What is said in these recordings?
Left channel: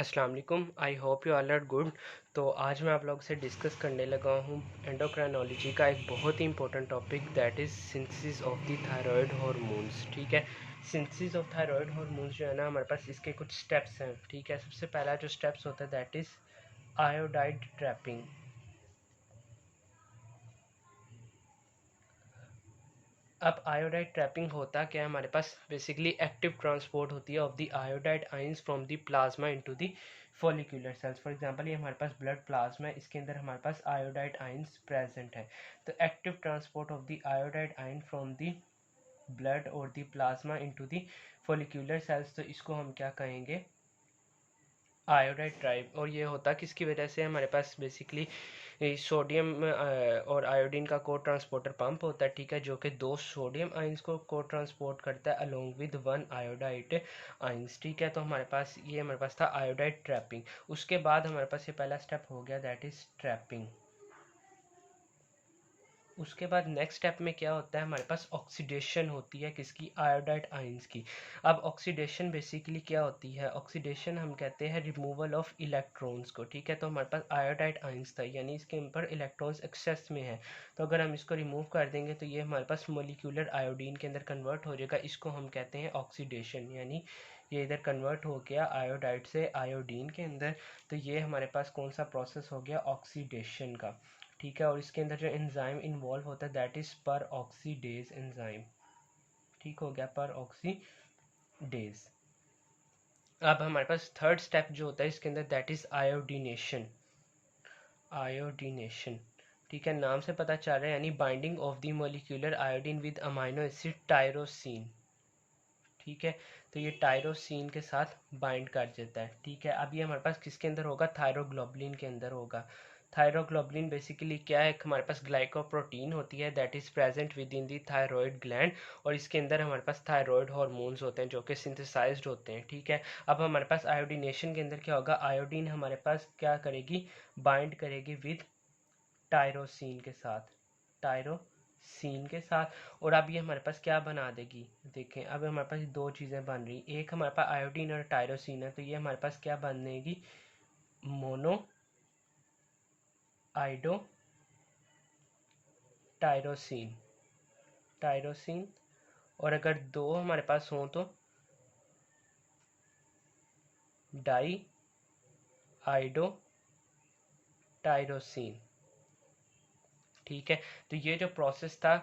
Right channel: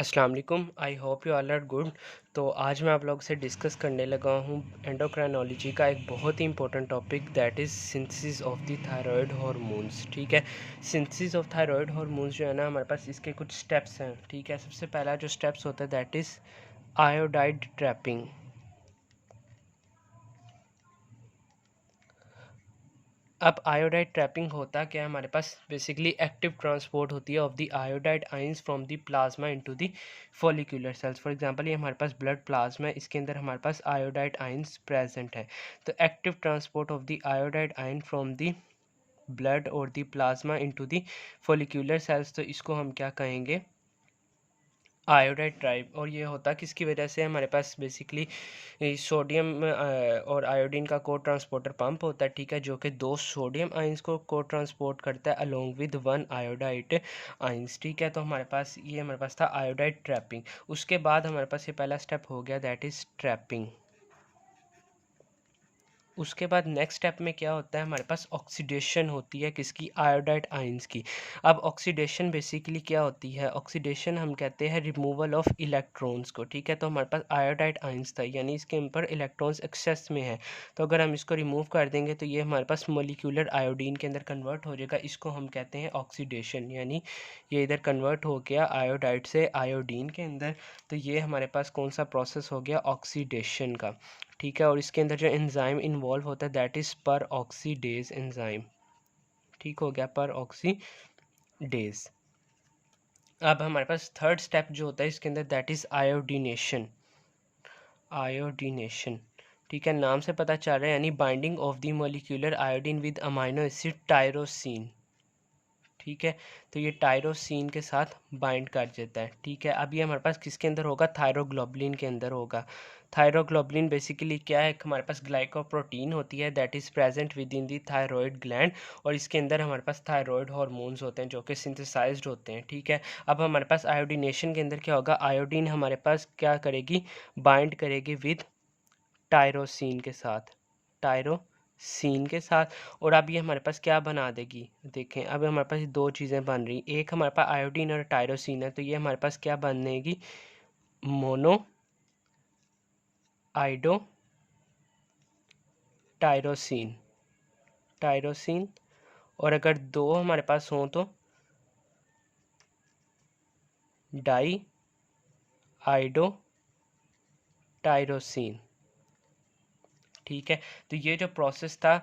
अस्सलाम वालेकुम। I hope you all are good. तो आज मैं आप लोगों से डिस्कस करने लगा हूँ एंडोक्राइनोलॉजी का एक बहुत ही important topic, that is synthesis of the thyroid hormones. ठीक है, सिंथेसिस ऑफ थायराइड हार्मोन्स जो है ना, हमारे पास इसके कुछ स्टेप्स हैं। ठीक है, सबसे पहला जो स्टेप्स होता है दैट इज़ आयोडाइड ट्रैपिंग। अब आयोडाइड ट्रैपिंग होता क्या है, हमारे पास बेसिकली एक्टिव ट्रांसपोर्ट होती है of the iodide ions from the plasma into the follicular cells. For example ये हमारे पास ब्लड प्लाज्मा है, इसके अंदर हमारे पास आयोडाइड आयंस प्रेजेंट है। तो active transport of the iodide ion from the blood और the plasma into the follicular cells, तो इसको हम क्या कहेंगे, आयोडाइड ट्राइब। और ये होता किसकी वजह से, हमारे पास बेसिकली सोडियम और आयोडीन का को ट्रांसपोर्टर पंप होता है। ठीक है, जो कि दो सोडियम आइंस को ट्रांसपोर्ट करता है along with one iodide ions. ठीक है, तो हमारे पास था आयोडाइड ट्रैपिंग। उसके बाद हमारे पास ये पहला स्टेप हो गया, दैट इज़ ट्रैपिंग। उसके बाद नेक्स्ट स्टेप में क्या होता है, हमारे पास ऑक्सीडेशन होती है किसकी, आयोडाइड आयंस की। अब ऑक्सीडेशन बेसिकली क्या होती है, ऑक्सीडेशन हम कहते हैं रिमूवल ऑफ इलेक्ट्रॉन्स को। ठीक है, तो हमारे पास आयोडाइड आयंस था, यानी इसके ऊपर इलेक्ट्रॉन्स एक्सेस में है। तो अगर हम इसको रिमूव कर देंगे तो ये हमारे पास मोलिकुलर आयोडीन के अंदर कन्वर्ट हो जाएगा। इसको हम कहते हैं ऑक्सीडेशन, यानी ये इधर कन्वर्ट हो गया आयोडाइड से आयोडीन के अंदर। तो ये हमारे पास कौन सा प्रोसेस हो गया, ऑक्सीडेशन का। ठीक है, और इसके अंदर जो एंजाइम इन्वॉल्व होता है दैट इज़ पर ऑक्सीडेज एंजाइम। ठीक हो गया, पर ऑक्सीडेज। अब हमारे पास थर्ड स्टेप जो होता है इसके अंदर दैट इज़ आयोडीनेशन। आयोडीनेशन, ठीक है, नाम से पता चल रहा है, यानी binding of the molecular iodine with amino acid tyrosine. ठीक है, तो ये टायरोसिन के साथ बाइंड कर देता है। ठीक है, अब ये हमारे पास किसके अंदर होगा, थायरोग्लोबुलिन के अंदर होगा। थायरोग्लोबुलिन बेसिकली क्या है, हमारे पास ग्लाइकोप्रोटीन होती है that is present with in the thyroid gland, और इसके अंदर हमारे पास थायराइड हार्मोन्स होते हैं जो कि सिंथेसाइज्ड होते हैं। ठीक है, अब हमारे पास आयोडीनेशन के अंदर क्या होगा, आयोडीन हमारे पास क्या करेगी, बाइंड करेगी विद टायरोसिन के साथ, टायरोसिन के साथ। और अब ये हमारे पास क्या बना देगी, देखें अब हमारे पास दो चीज़ें बन रही, एक हमारे पास आयोडीन और टायरोसिन है, तो ये हमारे पास क्या बनेगी, मोनो आइडो टायरोसिन, टायरोसिन। और अगर दो हमारे पास हों तो डाई आइडो टायरोसिन। ठीक है, तो ये जो प्रोसेस था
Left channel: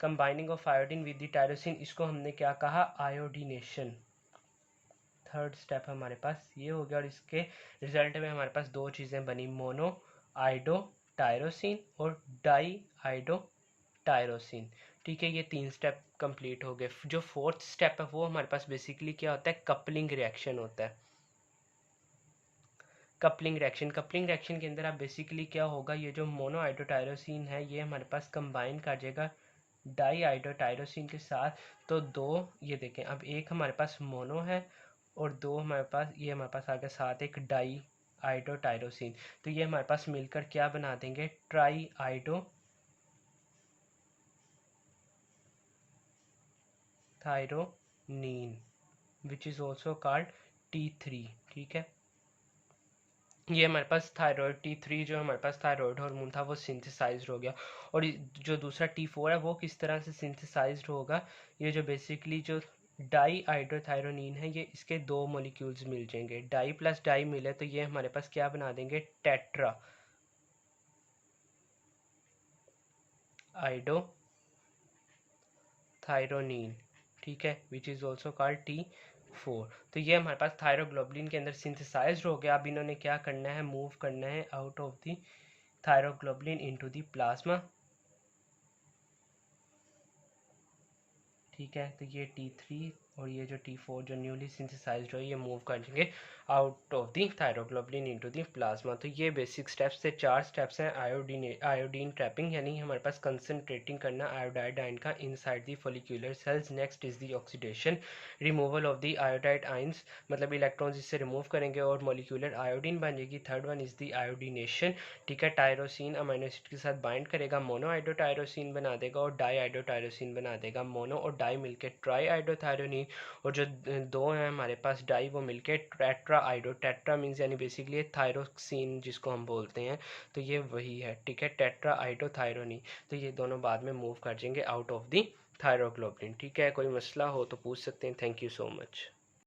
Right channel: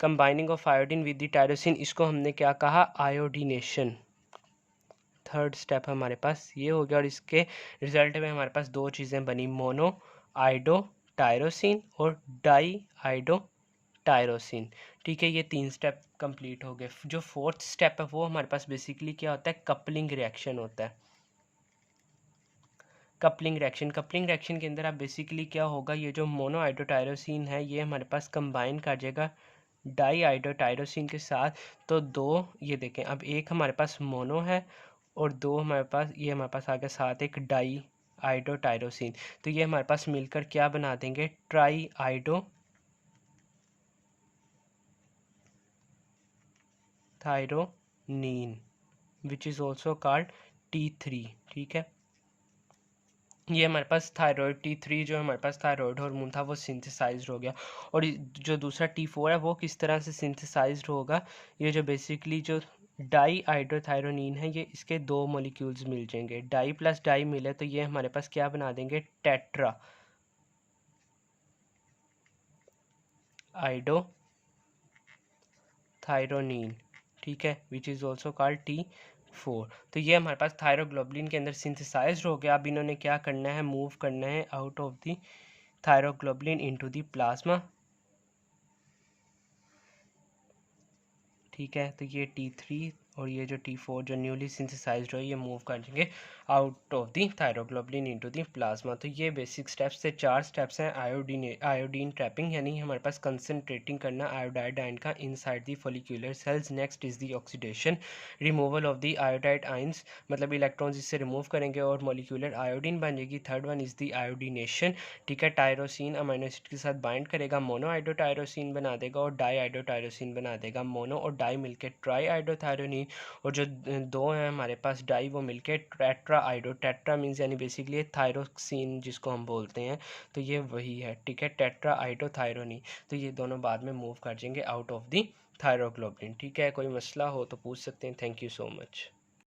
combining of iodine with the tyrosine, इसको हमने क्या कहा, आयोडीनेशन। थर्ड स्टेप हमारे पास ये हो गया, और इसके रिजल्ट में हमारे पास दो चीज़ें बनी, मोनो आइडो टायरोसिन और डाई आइडो टायरोसिन। ठीक है, ये तीन स्टेप कंप्लीट हो गए। जो फोर्थ स्टेप है वो हमारे पास बेसिकली क्या होता है, कपलिंग रिएक्शन होता है। कपलिंग रिएक्शन के अंदर आप बेसिकली क्या होगा, ये जो मोनो आइडोटायरोसिन है ये हमारे पास कंबाइन कर जाएगा डाई आइडोटायरोसिन के साथ। तो दो, ये देखें अब एक हमारे पास मोनो है और दो हमारे पास, ये हमारे पास आ गया साथ एक डाई आइडोटायरोसिन। तो ये हमारे पास मिलकर क्या बना देंगे, triiodothyronine, which is also called T3। ठीक है, ये हमारे पास थायराइड T3 जो हमारे पास थायराइड हार्मोन था वो सिंथेसाइज्ड हो गया। और जो दूसरा T4 है वो किस तरह से सिंथेसाइज्ड होगा, ये जो बेसिकली जो डाई आइडोथायरोनिन है, ये इसके दो मॉलिक्यूल्स मिल जाएंगे, डाई प्लस डाई मिले तो ये हमारे पास क्या बना देंगे, टेट्रा आइडो थायरोनिन। ठीक है, विच इज़ ऑल्सो कॉल्ड T4। तो ये हमारे पास थायरोग्लोबुलिन के अंदर सिंथेसाइज्ड हो गया। अब इन्होंने क्या करना है, मूव करना है out of the thyroglobulin into the plasma. ठीक है, तो ये T3 और ये जो T4 जो न्यूली सिंथेसाइज्ड हो, ये मूव कर देंगे out of the thyroglobulin into the plasma. तो ये बेसिक स्टेप्स से चार स्टेप्स हैं आयोडीन ट्रैपिंग, यानी हमारे पास कंसनट्रेटिंग करना आयोडाइड आयन का inside the follicular cells. Next is the oxidation, removal of the iodide ions, मतलब इलेक्ट्रॉन्स इससे रिमूव करेंगे और मॉलिक्यूलर आयोडीन बन जाएगी। Third one is the iodination. ठीक है, टायरोसिन अमीनो एसिड के साथ बाइंड करेगा, मोनो आइडोटायरोसिन बना देगा और डाई आइडोटायरोसिन बना देगा। मोनो और डाई मिलकर ट्राई आइडोथायरोनिन, और जो दो हैं हमारे पास डाई वो मिलके टेट्रा आइडो, टेट्रा मीन्स यानी बेसिकली थायरोक्सिन जिसको हम बोलते हैं, तो ये वही है, ठीक है, टेट्रा आइडो थायरोनी। तो ये दोनों बाद में मूव कर जाएंगे आउट ऑफ दी थायरोग्लोबिन, ठीक है। कोई मसला हो तो पूछ सकते हैं। Thank you so much.